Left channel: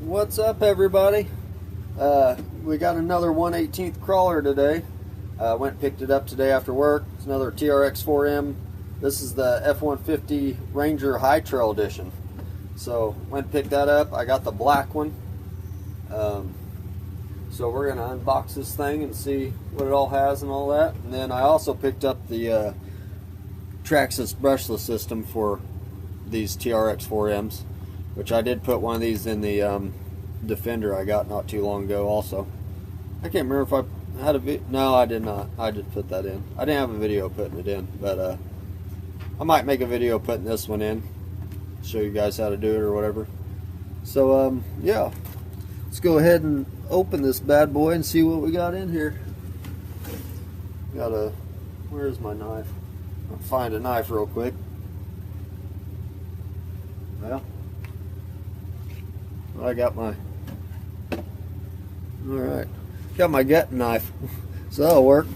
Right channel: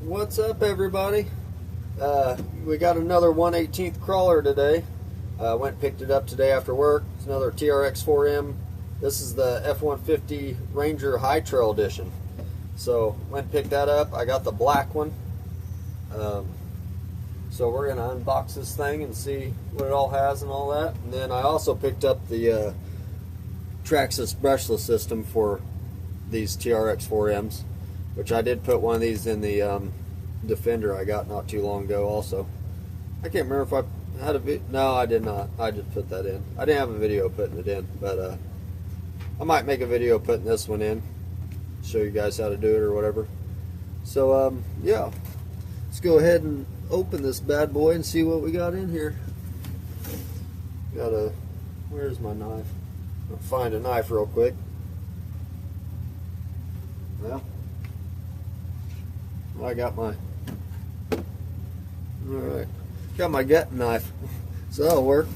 What's up, everybody? We got another 1/18th crawler today. Went and picked it up today after work. It's another trx4m. This is the f150 Ranger hightrail edition. So went and picked that up. I got the black one. So we're gonna unbox this thing and see what it all has and all that. And then I also picked up the Traxxas brushless system for these trx4ms, which I did put one of these in the Defender I got not too long ago also. I can't remember if I had a video. No, I did not. I just put that in. I didn't have a video putting it in, but I might make a video putting this one in, show you guys how to do it or whatever. So yeah, let's go ahead and open this bad boy and see what we got in here. Where's my knife? I'll find a knife real quick. Well, I got my, alright, got my gut knife, so that'll work.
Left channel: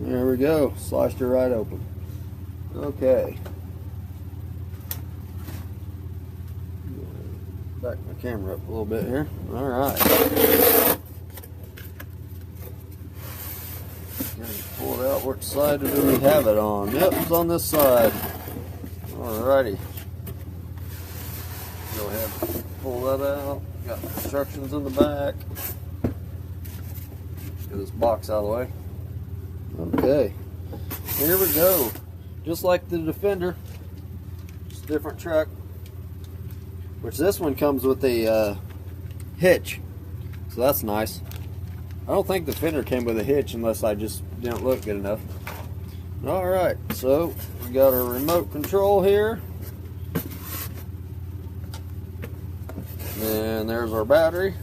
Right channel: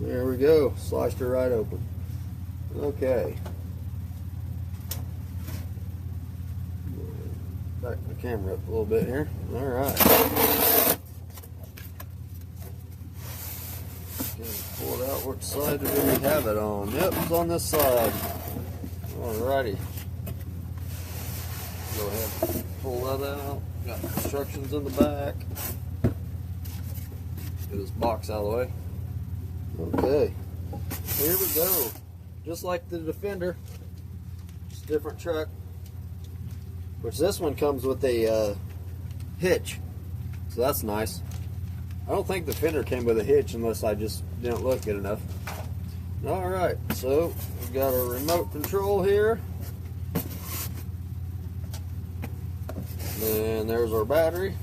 There we go, sliced her right open. Okay. Back my camera up a little bit here. Alright. Pull it out. Which side do we have it on? Yep, it's on this side. Alrighty. Go ahead and pull that out. Got instructions in the back. Get this box out of the way. Okay. Here we go. Just like the Defender. Just a different truck. Which this one comes with a hitch. So that's nice. I don't think the Defender came with a hitch unless I just didn't look good enough. Alright, so we got our remote control here. And there's our battery.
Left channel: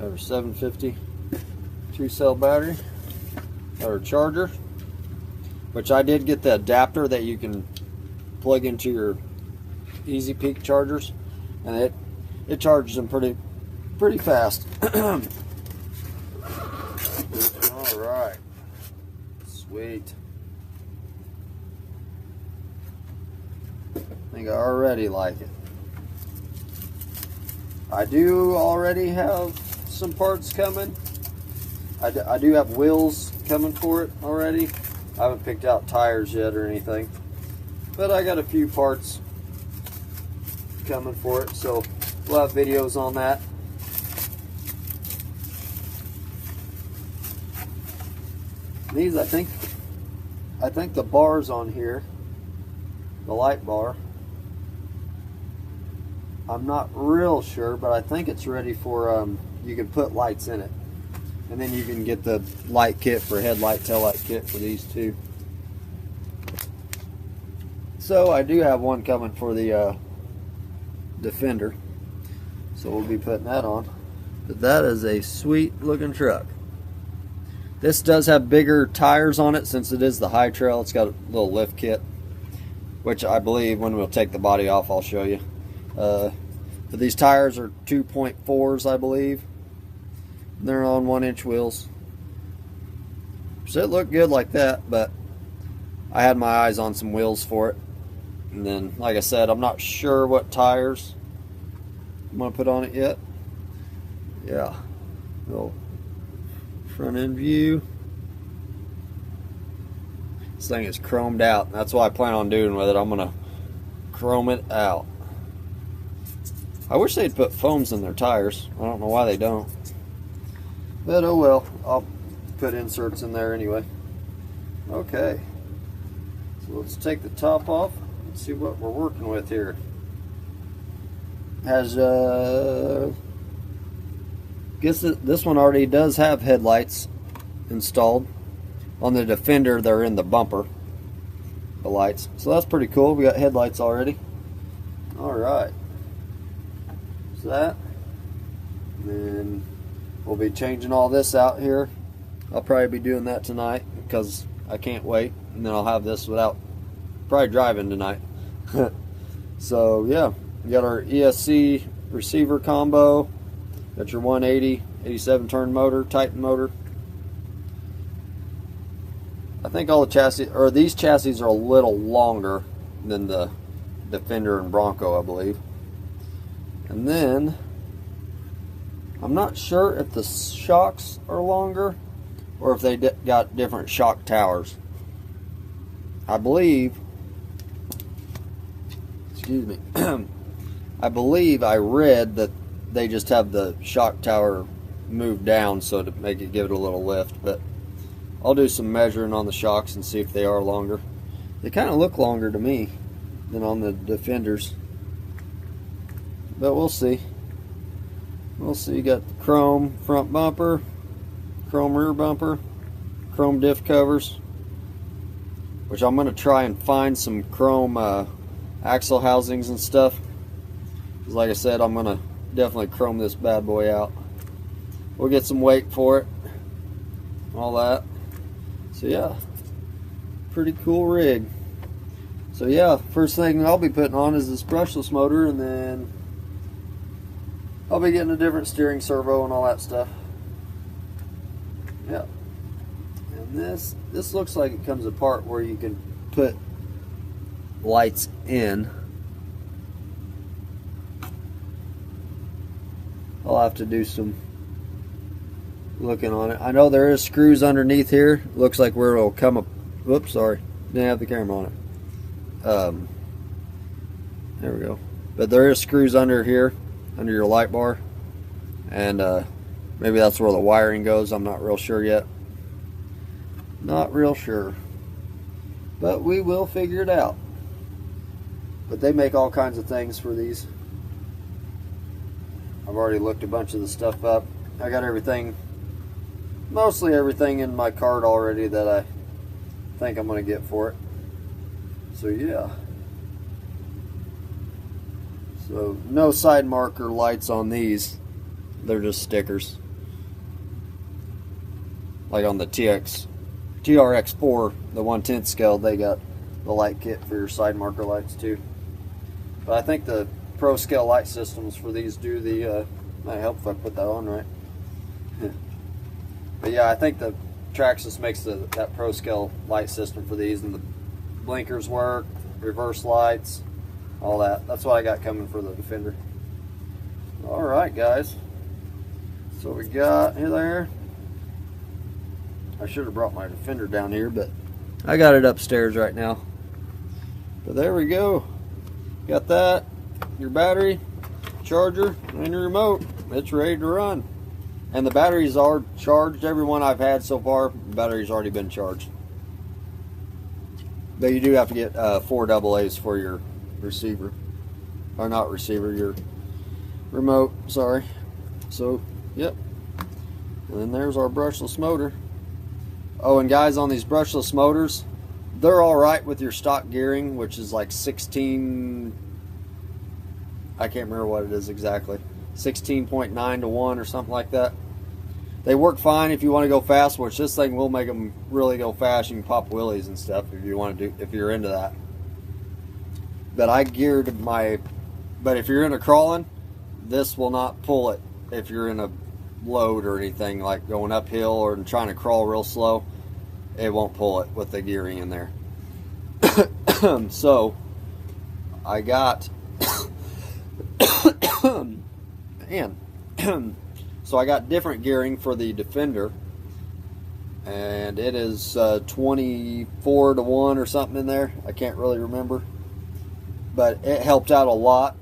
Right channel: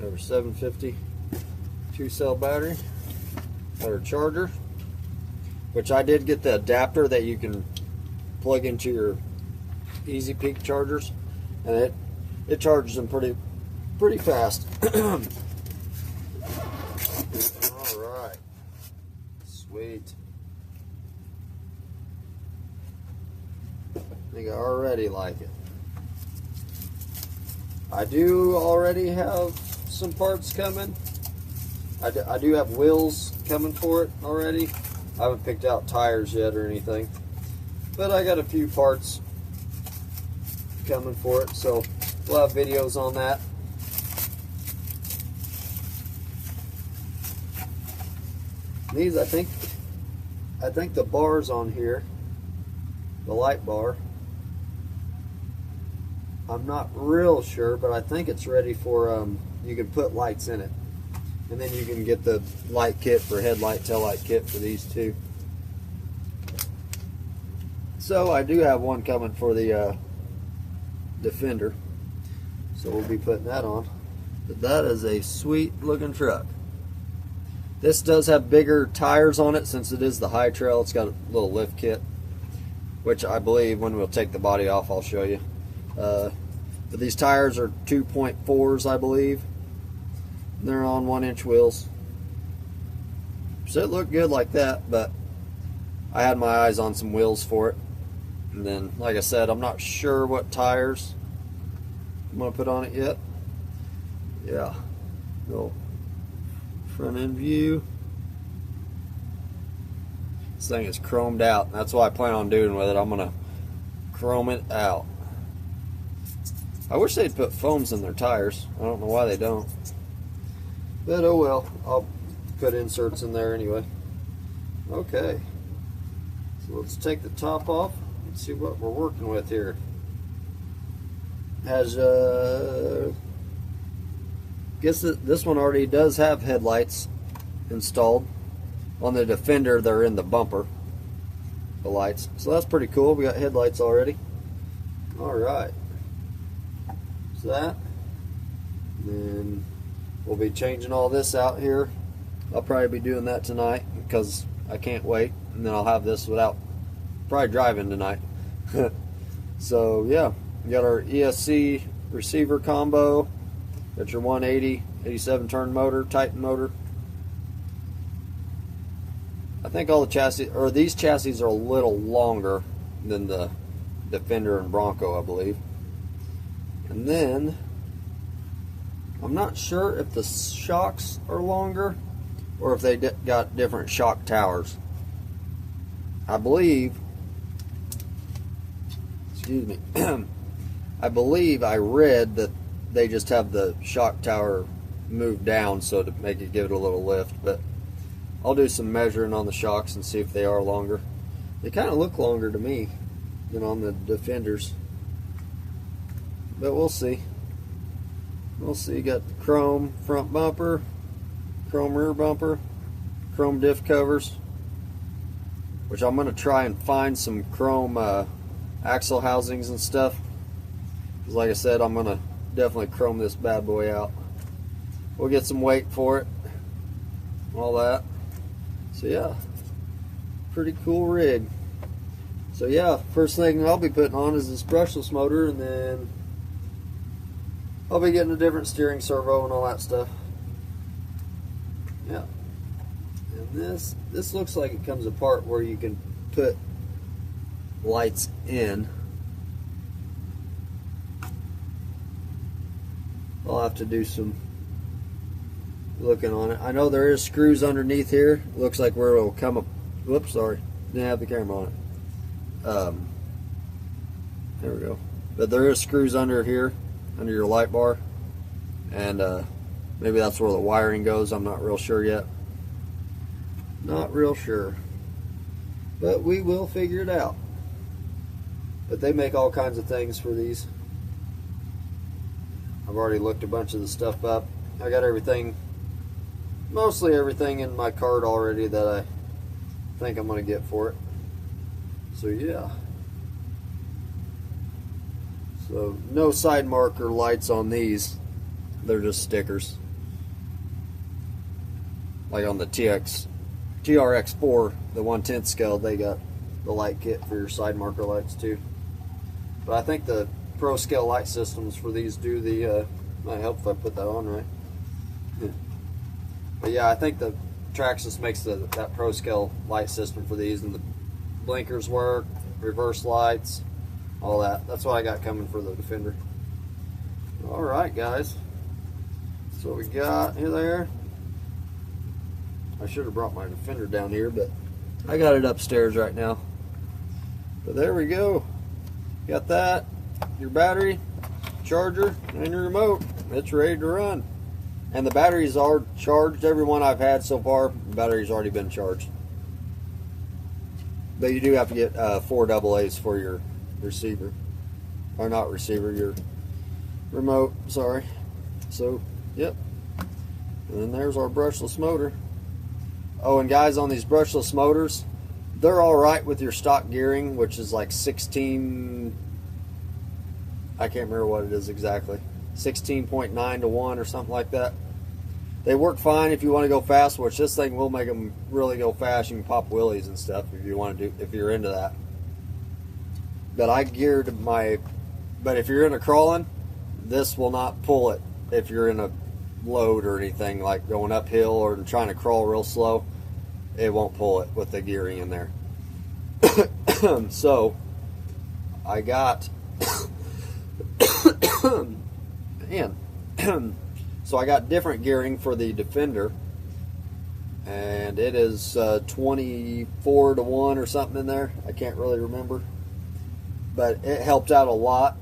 Got our 750 2-cell battery. Got our charger, which I did get the adapter that you can plug into your Easy Peak chargers, and it charges them pretty fast. Alright. Sweet. I think I already like it. I do already have some parts coming. I do have wheels coming for it already. I haven't picked out tires yet or anything, but I got a few parts coming for it, so we'll have videos on that. These, I think the bars on here, the light bar, I'm not real sure, but I think it's ready for, you can put lights in it. And then you can get the light kit for headlight, taillight kit for these two. So I do have one coming for the Defender. So we'll be putting that on. But that is a sweet looking truck. This does have bigger tires on it since it is the high trail. It's got a little lift kit, which I believe when we'll take the body off I'll show you. But these tires are 2.4s, I believe. They're on 1-inch wheels. So it looked good like that, but I had my eyes on some wheels for it. And then, like I said, I'm not sure what tires I'm going to put on it yet. Yeah. Little front end view. This thing is chromed out. That's what I plan on doing with it. I'm going to chrome it out. I wish they'd put foams in their tires. I don't know why they don't. But oh well, I'll put inserts in there anyway. Okay, so let's take the top off and see what we're working with here. Has guess this one already does have headlights installed. On the Defender, they're in the bumper, the lights. So that's pretty cool. We got headlights already. All right, so that, and then we'll be changing all this out here. I'll probably be doing that tonight because I can't wait. And then I'll have this without probably driving tonight. So yeah, we got our ESC receiver combo. Got your 180, 87 turn motor, Titan motor. I think all the chassis, or these chassis are a little longer than the Defender and Bronco, I believe. And then I'm not sure if the shocks are longer or if they got different shock towers. I believe, excuse me, I believe I read that they just have the shock tower moved down so to make it give it a little lift, but I'll do some measuring on the shocks and see if they are longer. They kind of look longer to me than on the Defenders, but we'll see. We'll see. Got chrome front bumper, chrome rear bumper, chrome diff covers, which I'm going to try and find some chrome axle housings and stuff, because like I said, I'm going to definitely chrome this bad boy out. We'll get some weight for it, all that. So yeah, pretty cool rig. So yeah, first thing I'll be putting on is this brushless motor, and then I'll be getting a different steering servo and all that stuff. Yeah. And this looks like it comes apart where you can put lights in. I'll have to do some looking on it. I know there is screws underneath here. Looks like where it'll come up. Whoops, sorry. Didn't have the camera on it. There we go. But there is screws under here, under your light bar, and maybe that's where the wiring goes. I'm not real sure yet. Not real sure, but we will figure it out. But they make all kinds of things for these. I've already looked a bunch of the stuff up. I got everything, mostly everything in my cart already that I think I'm going to get for it. So yeah. So no side marker lights on these. They're just stickers. Like on the TRX4, the 1/10 scale, they got the light kit for your side marker lights too. But I think the Pro Scale light systems for these do the, might help if I put that on right. Yeah. But yeah, I think the Traxxas makes that Pro Scale light system for these, and the blinkers work, reverse lights, all that. That's what I got coming for the Defender. Alright guys, so we got there. I should have brought my Defender down here, but I got it upstairs right now. But there we go. Got that, your battery, charger, and your remote. It's ready to run. And the batteries are charged. Every one I've had so far, the battery's already been charged. Though you do have to get 4 AA's for your receiver. Or not receiver, your remote, sorry. So, yep. And then there's our brushless motor. Oh, and guys, on these brushless motors, they're alright with your stock gearing, which is like 16, I can't remember what it is exactly, 16.9 to 1 or something like that. They work fine if you want to go fast, which this thing will make them really go fast. You can pop wheelies and stuff if you want to do, if you're into that. But I geared my, but if you're into crawling, this will not pull it. If you're in a load or anything, like going uphill or trying to crawl real slow, it won't pull it with the gearing in there. So I got man so I got different gearing for the Defender, and it is 24 to 1 or something in there. I can't really remember, but it helped out a lot.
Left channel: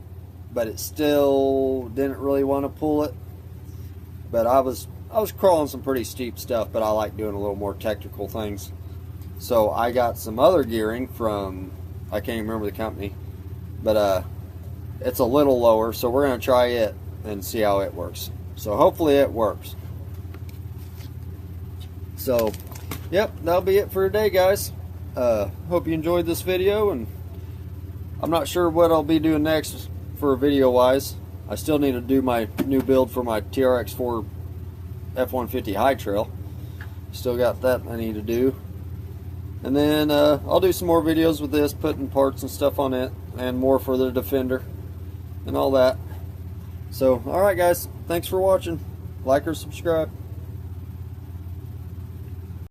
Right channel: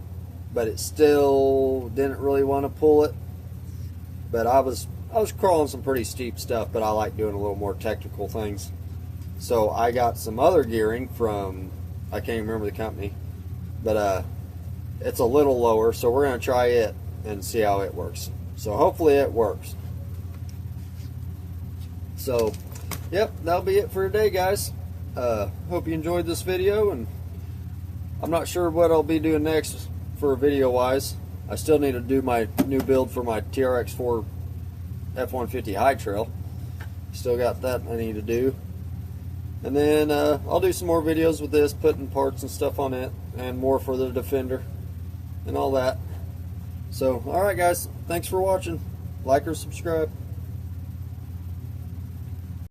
But it still didn't really want to pull it. But I was crawling some pretty steep stuff, but I like doing a little more technical things. So I got some other gearing from, I can't even remember the company, but it's a little lower, so we're going to try it and see how it works. So hopefully it works. So, yep, that'll be it for today, guys. Hope you enjoyed this video, and I'm not sure what I'll be doing next for video-wise. I still need to do my new build for my trx4 f150 hightrail. Still got that I need to do. And then I'll do some more videos with this, putting parts and stuff on it, and more for the Defender and all that. So, alright guys, thanks for watching. Like or subscribe.